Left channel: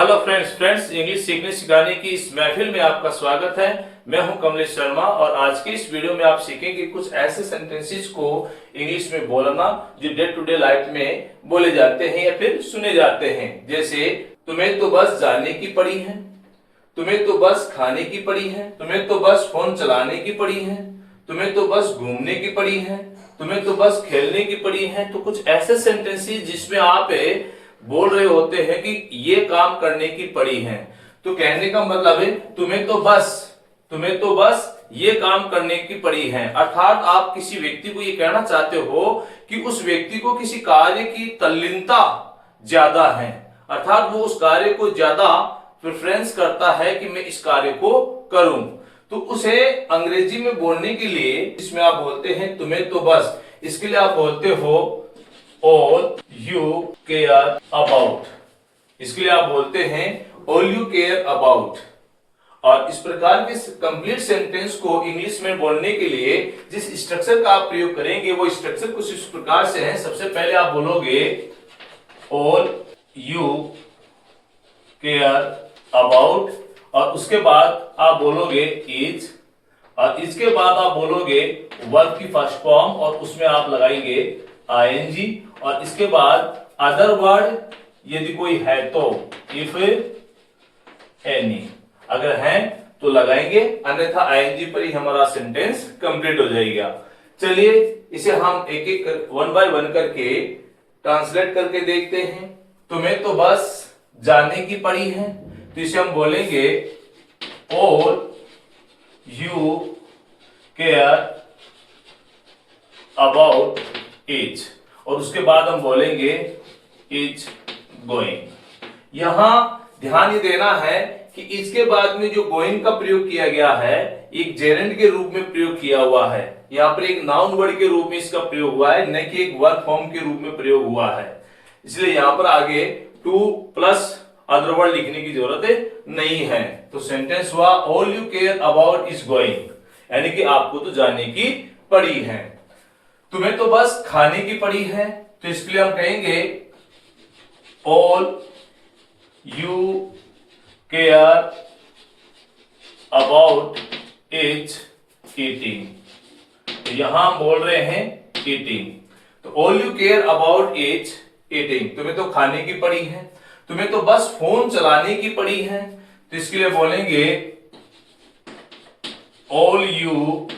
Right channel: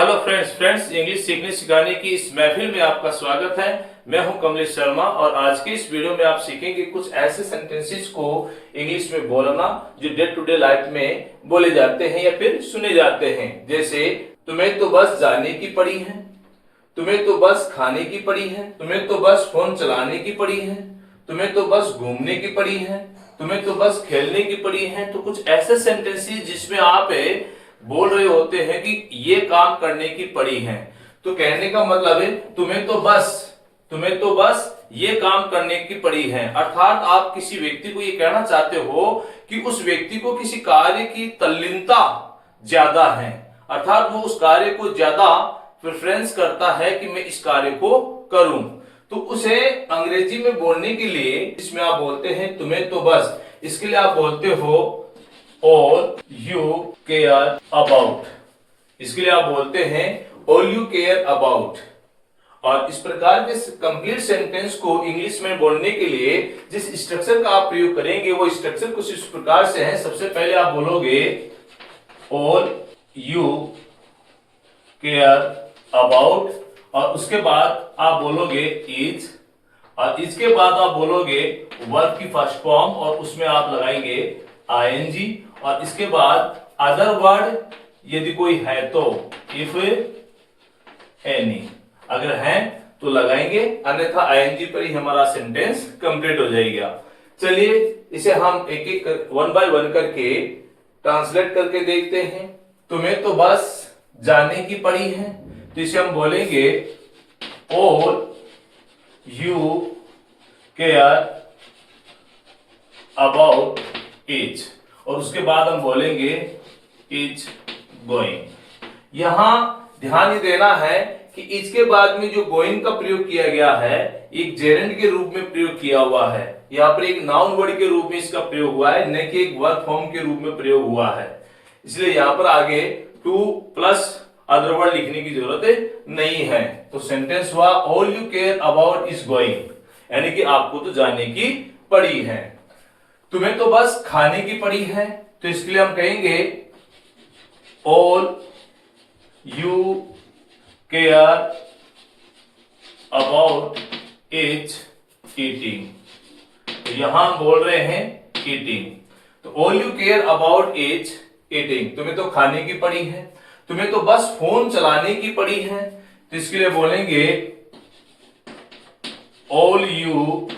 Hello friends English सीखने सिखाने की इस महफिल में आपका स्वागत है। मैं हूं कमलेश शर्मा और आज के इस वीडियो में आप सीखेंगे कुछ ऐसे सेंटेंसेस को इंग्लिश में बोलना जो डे टू डे लाइफ में बोले जाते हैं या फिर सुने जाते हैं। जैसे तुम्हें तो बस जाने की पड़ी है, तुम्हें तो बस खाने की पड़ी है, तुम्हें तो बस फोन चलाने की पड़ी है, तुम्हें तो बस घूमने की पड़ी है, तुम्हें तो बस खेलने की पड़ी है। तो कुछ ऐसे सेंटेंसेस जिसमें आप बोल रहे होते हैं कि ये काम करने की पड़ी है। तो कहने का मतलब है तुम्हें तो बस ये काम करने की पड़ी है। अर्थात आप किसी व्यक्ति को ये कहना चाहते हो कि उस व्यक्ति को किसी कार्य की तल्लीनता ज्यादा है, अर्थात वो उस कार्य को ज्यादा प्रेफरेंस करता है कि मैं इस कार्य को करूं। तो उसे अंग्रेजी में बोलने के लिए इसमें आप बोलते हैं तुम्हें तो बस, इसके लिए आप बोलते हो all you care about, इसके लिए आप बोलते हैं all you care about। और इस प्रकार के कंप्लीट सेंटेंस को इंग्लिश में बोलने के लिए जिस स्ट्रक्चर का आप प्रयोग करेंगे वो स्ट्रक्चर कुछ इस प्रकार से है। सबसे पहले आप बोलोगे all you care about और उसके बाद आप बोलोगे is और इसके बाद आप बोलोगे वर्ब की फर्स्ट फॉर्म और उसमें आप लगाएंगे ing और इसके बाद अदर वर्ड यदि कोई है तो इफ एनी, अगर है तो लगाएंगे, अन्यथा ing पर ही हमारा सेंटेंस कंप्लीट हो जाएगा। चलिए इसे हम एक एक वन बाय वन करके ट्रांसलेट करके देखते हैं। तुम्हें तो बस जाने की पड़ी है, तो इसे हम बोलेंगे all you care about it और उसके बाद हम बोलेंगे इज गोइंग। यहां ध्यान ये देना है कि इसके बाद में जो गोइंग का प्रयोग किया गया है एक जेरेंड के रूप में प्रयोग किया हुआ है। यहाँ पर एक नाउन वर्ड के रूप में इसका प्रयोग हुआ है, न कि एक वर्ब फॉर्म के रूप में प्रयोग हुआ है। इसलिए यहाँ पर आगे टू प्लस अदर वर्ड लिखने की जरूरत नहीं है। तो सेंटेंस हुआ all you care about is going, यानी कि आपको तो जाने की पड़ी है। तुम्हें तो बस खाने की पड़ी है, तो इसके लिए हम कहेंगे all you care about is eating. तो यहां हम बोल रहे हैं ईटिंग, तो all you care about is eating. तुम्हें तो खाने की पड़ी है, तुम्हें तो बस फोन चलाने की पड़ी है, तो इसके लिए बोलेंगे all you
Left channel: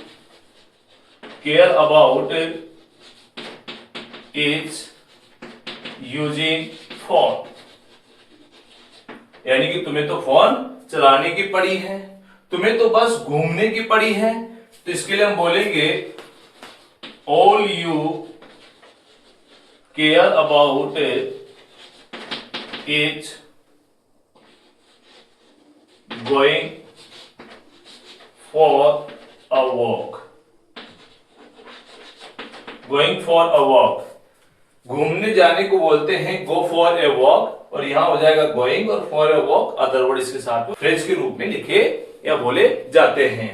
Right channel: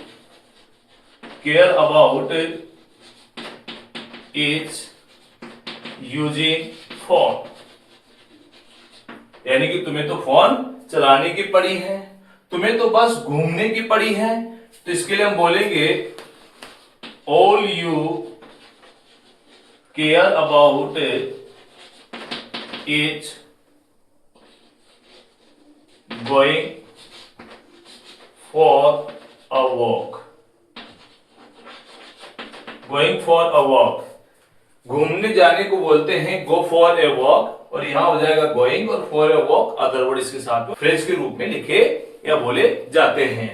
care about is using phone, यानी कि तुम्हें तो फोन चलाने की पड़ी है। तुम्हें तो बस घूमने की पड़ी है, तो इसके लिए हम बोलेंगे all you care about is going for a walk. Going for a walk, घूमने जाने को बोलते हैं गो फॉर ए वॉक, और यहां हो जाएगा गोइंग और for a walk other word इसके साथ में फ्रेज के रूप में लिखे या बोले जाते हैं।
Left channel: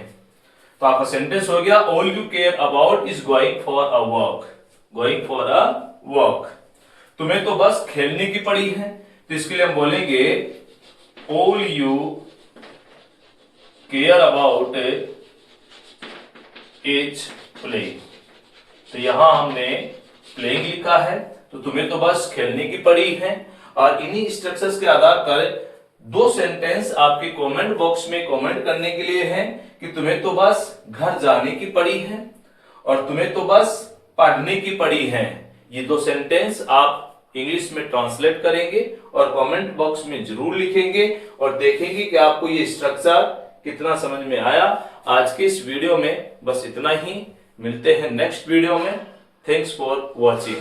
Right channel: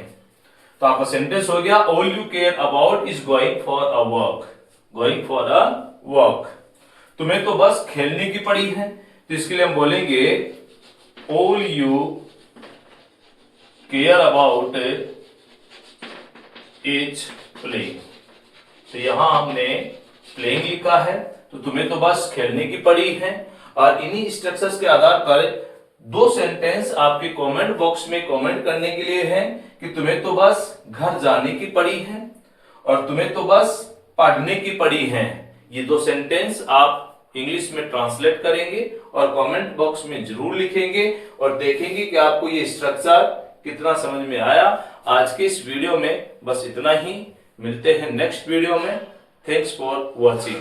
तो आपका सेंटेंस हो गया all you care about is going for a walk, going for a walk. तुम्हें तो बस खेलने की पड़ी है, तो इसके लिए हम बोलेंगे all you care about is playing. तो यहां हमने प्लेइंग लिखा है, तो तुम्हें तो बस खेलने की पड़ी है। और इन्हीं स्ट्रक्चर्स के आधार पर दो सेंटेंस आपके कमेंट बॉक्स में कमेंट करने के लिए हैं कि तुम्हें तो बस घर जाने की पड़ी है और तुम्हें तो बस पढ़ने की पड़ी है। ये दो सेंटेंस आप इंग्लिश में ट्रांसलेट करेंगे और कमेंट बॉक्स में जरूर लिखेंगे और देखेंगे कि आपको ये स्ट्रक्चर कितना समझ में आया। आज के इस वीडियो में बस इतना ही, मिलते हैं नेक्स्ट वीडियो में। Thanks for watching.